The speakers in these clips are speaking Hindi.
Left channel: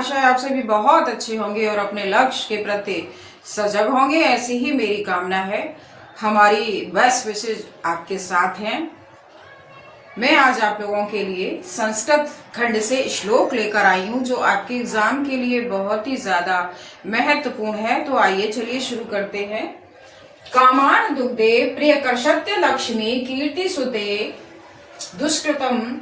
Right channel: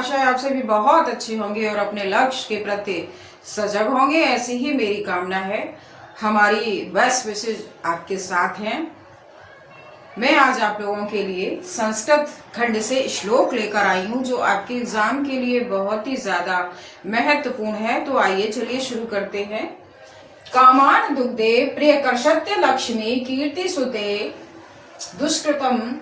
आशा है आप सभी बहुत अच्छे होंगे और अपने लक्ष्य के प्रति सजग होंगे। ऐसी ही मेरी कामना है। हमारी बेस्ट विशेष आपके साथ हैं। मैं आज आप लोगों के लिए संस्कृत खंड से श्लोक लेकर आई हूँ जो आपके एग्जाम के लिए बहुत ही ज्यादा महत्वपूर्ण है। तो आइए चलिए शुरू करते हैं। कामान दुग्धे प्रियकर्षत्य लक्ष्मी कीर्ति सुते दुष्कृतम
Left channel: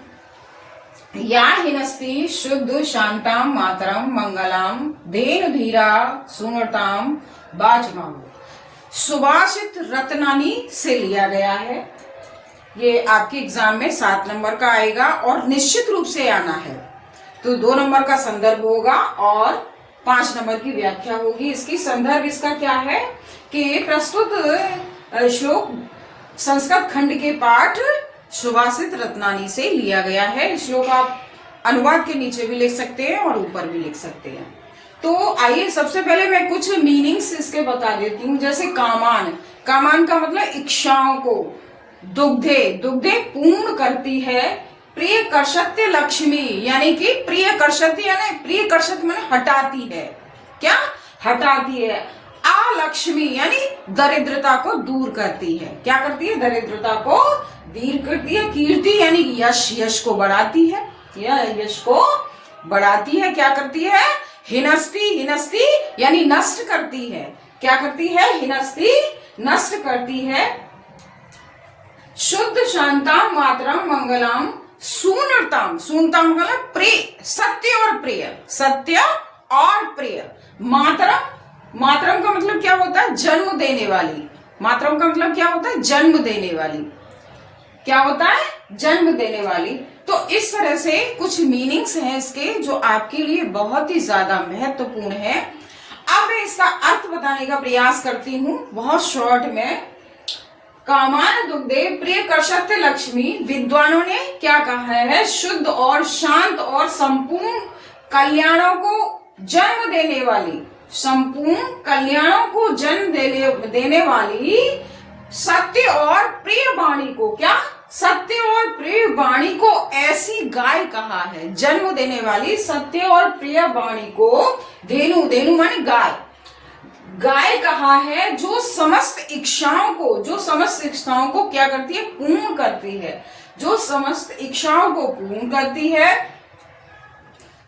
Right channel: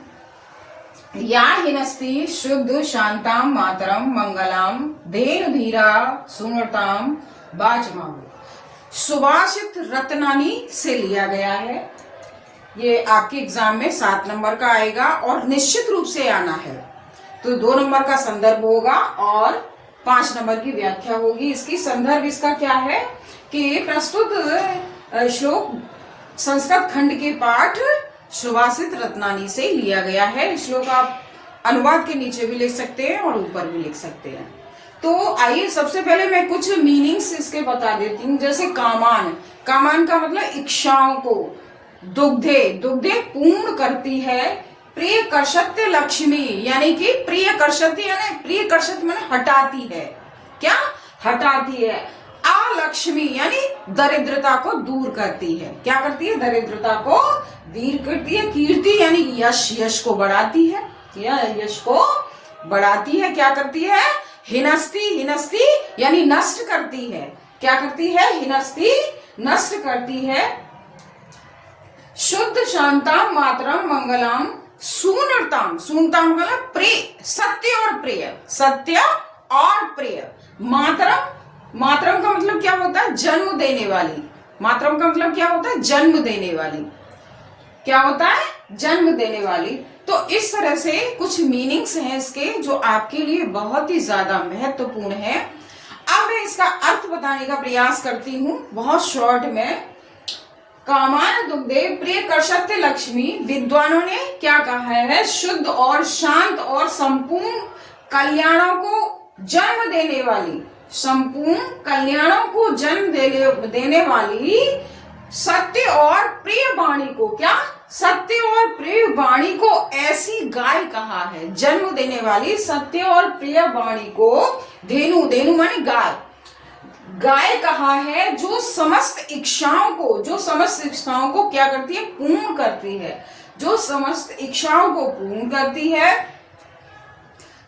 या हिनस्ति शुद्ध शांताम मातरम मंगलाम धेनु धीरा सुमरताम बाजमाऊ। सुभाषित रत्नानी से लिया गया है। ये आपके एग्जाम में 7 नंबर का आएगा और निश्चित रूप से आना है। तो 2 नंबर का संदर्भ होगा और 5 नंबर की व्याख्या होगी। इसकी संदर्भ इसका क्या है कि प्रस्तुत श्लोक संस्कृत खंड के पाठ सुभाषित रत्नानी से लिया गया है। श्लोक आप अनुवाद के नीचे भी लिख सकते हैं और ऊपर भी लिख सकते हैं। तो आइए सबसे पहले मैं कुछ मीनिंग्स इसके बता देती हूँ। जैसे कामान, कामान का मतलब इच्छाओं को, दुग्धे, दुग्धे पूर्ण करती है, प्रिय कर्षत्य लक्ष्मी यानी कि प्रिय कर्षत्य यानी प्रिय कर्षत्य माने हटाती है। क्या हटाती है? अलक्ष्मी यानी दरिद्रता को दूर करती है। क्या करती है? दरिद्रता को दूर करती है। कीर्ति यानी यश, यश को बढ़ाती है, या यश को बढ़ाती है। क्या करती है? हिनस्ति, हिनस्ति यानी नष्ट करती है। क्या करती है? हिनस्ति नष्ट करती है। शुद्ध शांताम मातरम मंगलाम सुनरताम, सुनताम मतलब प्रिय, सत्य और प्रिय, सत्य और प्रिय। मातरम, मातरम का मतलब क्या होता है? जन्म देने वाली। मातरम का मतलब क्या होता है? जन्म देने वाली। क्या होता है? जन्म देने वाली। तो इस तरह से कुछ मीनिंग्स हैं इसके जो आपके लिए बहुत ही ज्यादा महत्वपूर्ण है। अब मैं इसका अर्थ बताने का प्रयास करती हूँ बहुत शॉर्ट में। कामान दुग्धे प्रिय कर्षत्य लक्ष्मी, विद्वानों ने क्या कहा है? शुद्ध और शांत और संपूर्ण कल्याणों को जन्म देने वाली, संपूर्ण कल्याणों को जन्म देने वाली सत्य और प्रिय वाणी को, क्या? सत्य और प्रिय वाणी को ऐसी गाय कहा है। जन्म देने वाली सत्य और प्रिय वाणी को धेनु, धेनु माने गाय, गाय कहा है जो समस्त इच्छाओं को, जो समस्त इच्छाओं को क्या करती है? पूर्ण करती है। जो समस्त इच्छाओं को पूर्ण करती है,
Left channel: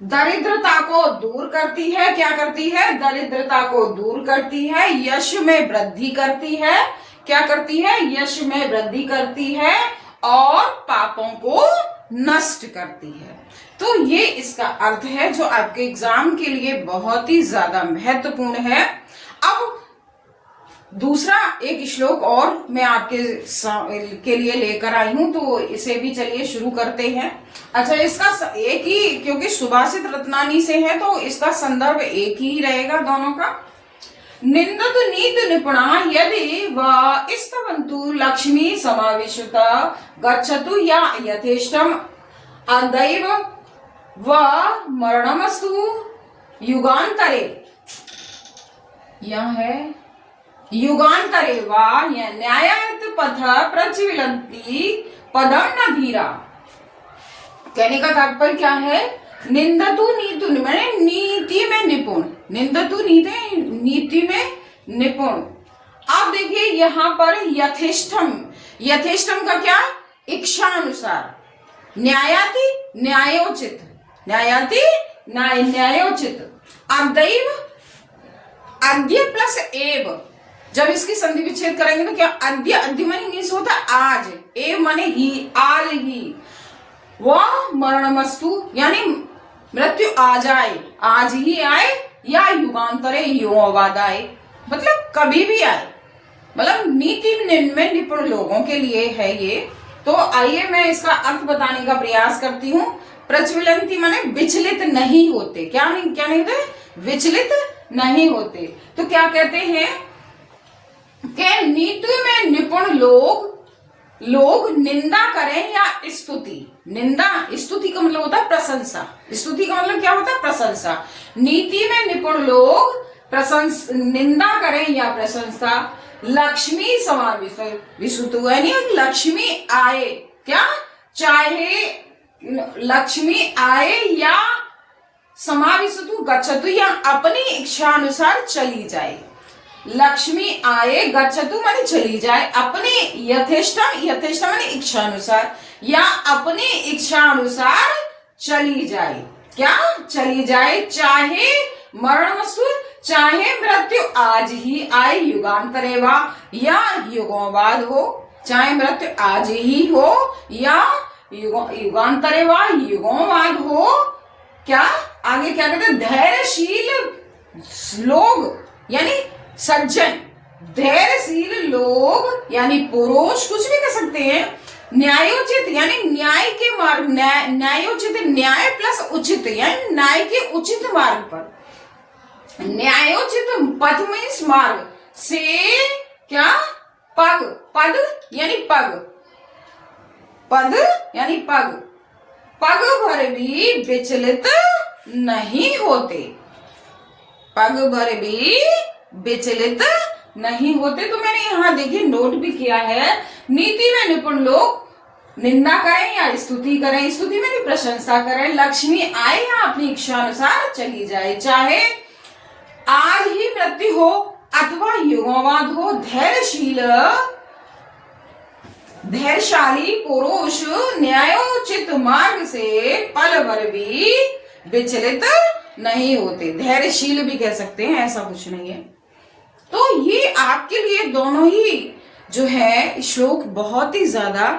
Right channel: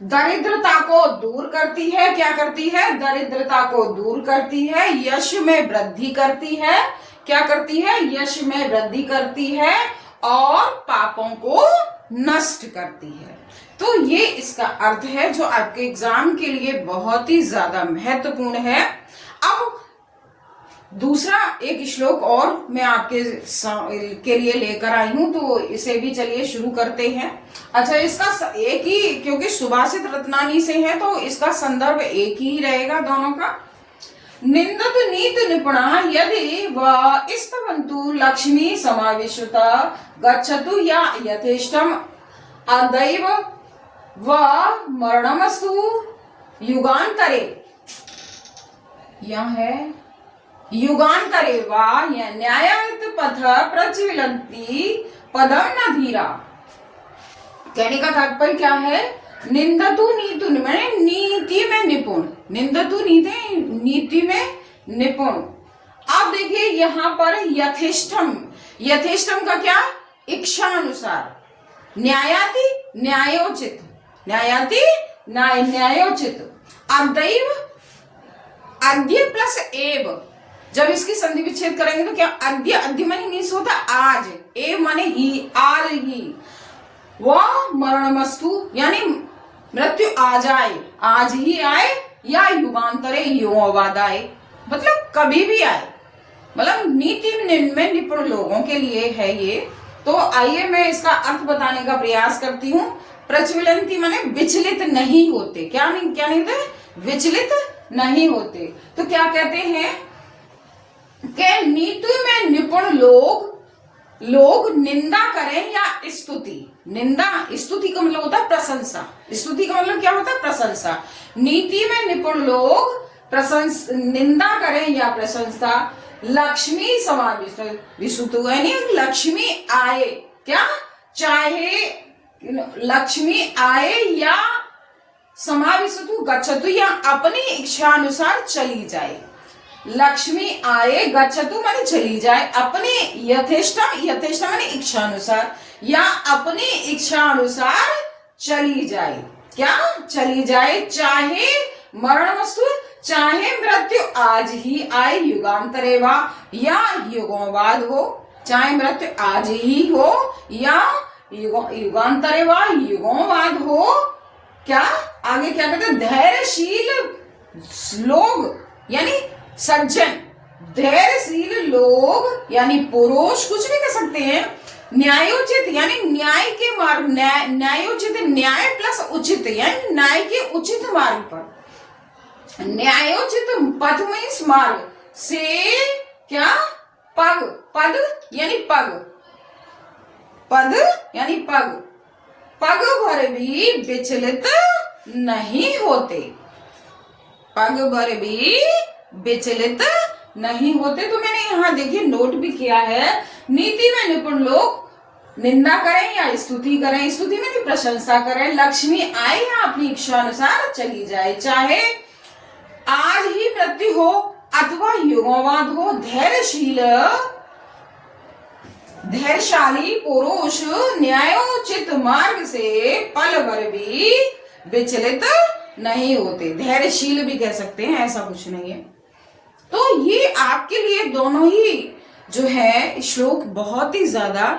दरिद्रता को दूर करती है। क्या करती है? दरिद्रता को दूर करती है। यश में वृद्धि करती है। क्या करती है? यश में वृद्धि करती है और पापों को नष्ट करती है। तो ये इसका अर्थ है जो आपके एग्जाम के लिए बहुत ही ज्यादा महत्वपूर्ण है। अब दूसरा एक श्लोक और मैं आपके के लिए लेकर आई हूं, तो इसे भी चलिए शुरू करते हैं। अच्छा, इसका एक ही, क्योंकि सुभाषित रत्नानी से है तो इसका संदर्भ एक ही रहेगा दोनों का। निंदत नीत निपुणा यदि व स्तवन्तु लक्ष्मी समाविष्टा गच्छतु या यथेष्टम अदैव व मरणमस्तु युगान्तरे। यह है युगान्तरे वा न्यायायत पथ प्रज्वलन्ति पदम न धीरा। कहने का तात्पर्य क्या है? निंदतु नीतु माने नीति में निपुण, निंदतु नीति, नीति में निपुण। आप देखिए यहाँ पर यथेष्टम, यथेष्टम का क्या? इच्छा अनुसार। न्यायाति न्यायोचित, न्यायाति न्यायोचित। अदैव, अद्य प्लस एव, जब इसकी संधि विच्छेद करेंगे तो क्या? अद्य, अद्य माने मीन्स होता है आज, एव माने ही, आज ही। वह मरणमस्तु यानी मृत्यु आ जाए, आज ही आए, या युगांतरे युगों बाद आए, मतलब कभी भी आए। मतलब नीति में निपुण लोगों के लिए है ये। तो आइए मैं इसका अर्थ बताने का प्रयास करती हूँ। प्रज्वलंती माने विचलित नहीं होते। क्या नहीं, क्या नहीं होते? विचलित नहीं होते। तो क्या कहते हैं कि नीति में निपुण लोग, लोग निंदा करें या स्तुति, निंदा, स्तुति का मतलब होता है प्रशंसा, स्तुति का मतलब क्या होता है? प्रशंसा। नीति में निपुण लोग निंदा करें या प्रशंसा लक्ष्मी समाविष्ट यानी लक्ष्मी आए। क्या? चाहे लक्ष्मी आए या समाविशतु गच्छतु या अपनी इच्छा अनुसार चली जाए। लक्ष्मी आए, गच्छतु माने चली जाए, अपने यथेष्टम, यथेष्टम माने इच्छा अनुसार, या अपनी इच्छा अनुसार चली जाए। क्या चली जाए? चाहे मरणमस्तु, चाहे मृत्यु आज ही आए, युगांतरे वा, या युगों बाद हो। चाहे मृत्यु आज ही हो या युगांतरे वा, युगों बाद हो। क्या आगे क्या कहते हैं? धैर्यशील लोग यानी सज्जन, धैर्यशील लोग यानी पुरुष, कुछ भी कह सकते हैं। न्यायोचित यानी न्याय के मार्ग, न्यायोचित न्याय प्लस उचित यानी न्याय के उचित मार्ग पर। न्यायोचित पथ मीन्स मार्ग से क्या? पग, पद यानी पग, पद यानी पग, पग भर भी विचलित नहीं होते, पग भर भी विचलित नहीं होते। तो मैंने यहाँ देखिए नोट भी किया है, नीति में निपुण लोग निंदा करें या स्तुति करें, स्तुति में प्रशंसा करें, लक्ष्मी आए या अपनी इच्छा अनुसार चली जाए, चाहे आज ही मृत्यु हो अथवा युगों बाद हो। धैर्यशाली पुरुष न्यायोचित मार्ग से पल भर भी विचलित नहीं होते। धैर्यशील भी कह सकते हैं, ऐसा कुछ नहीं है। तो ये आपके लिए दोनों ही जो है श्लोक बहुत ही ज्यादा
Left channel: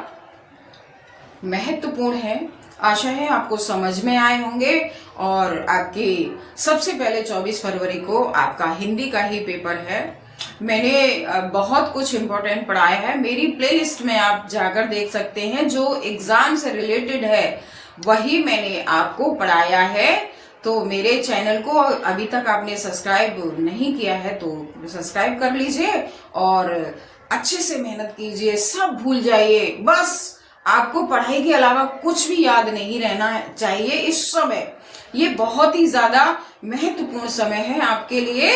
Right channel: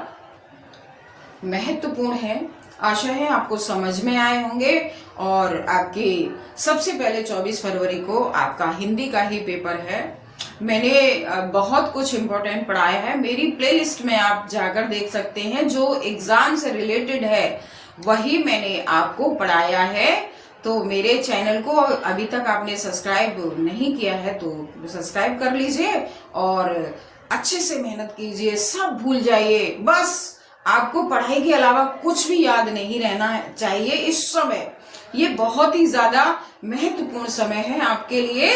महत्वपूर्ण है। आशा है आपको समझ में आए होंगे। और आपके सबसे पहले 24 फरवरी को आपका हिंदी का ही पेपर है। मैंने बहुत कुछ इम्पोर्टेंट पढ़ाया है, मेरी प्लेलिस्ट में आप जाकर देख सकते हैं। जो एग्जाम से रिलेटेड है वही मैंने आपको पढ़ाया है। तो मेरे चैनल को अभी तक आपने सब्सक्राइब नहीं किया है तो सब्सक्राइब कर लीजिए और अच्छे से मेहनत कीजिए, सब भूल जाइए। बस आपको पढ़ाई के अलावा कुछ भी याद नहीं रहना चाहिए इस समय। ये बहुत ही ज्यादा महत्वपूर्ण समय है आपके लिए।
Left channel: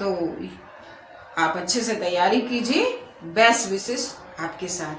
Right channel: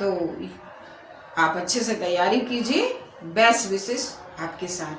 तो आप अच्छे से तैयारी कीजिए। बेस्ट विशेष आपके साथ।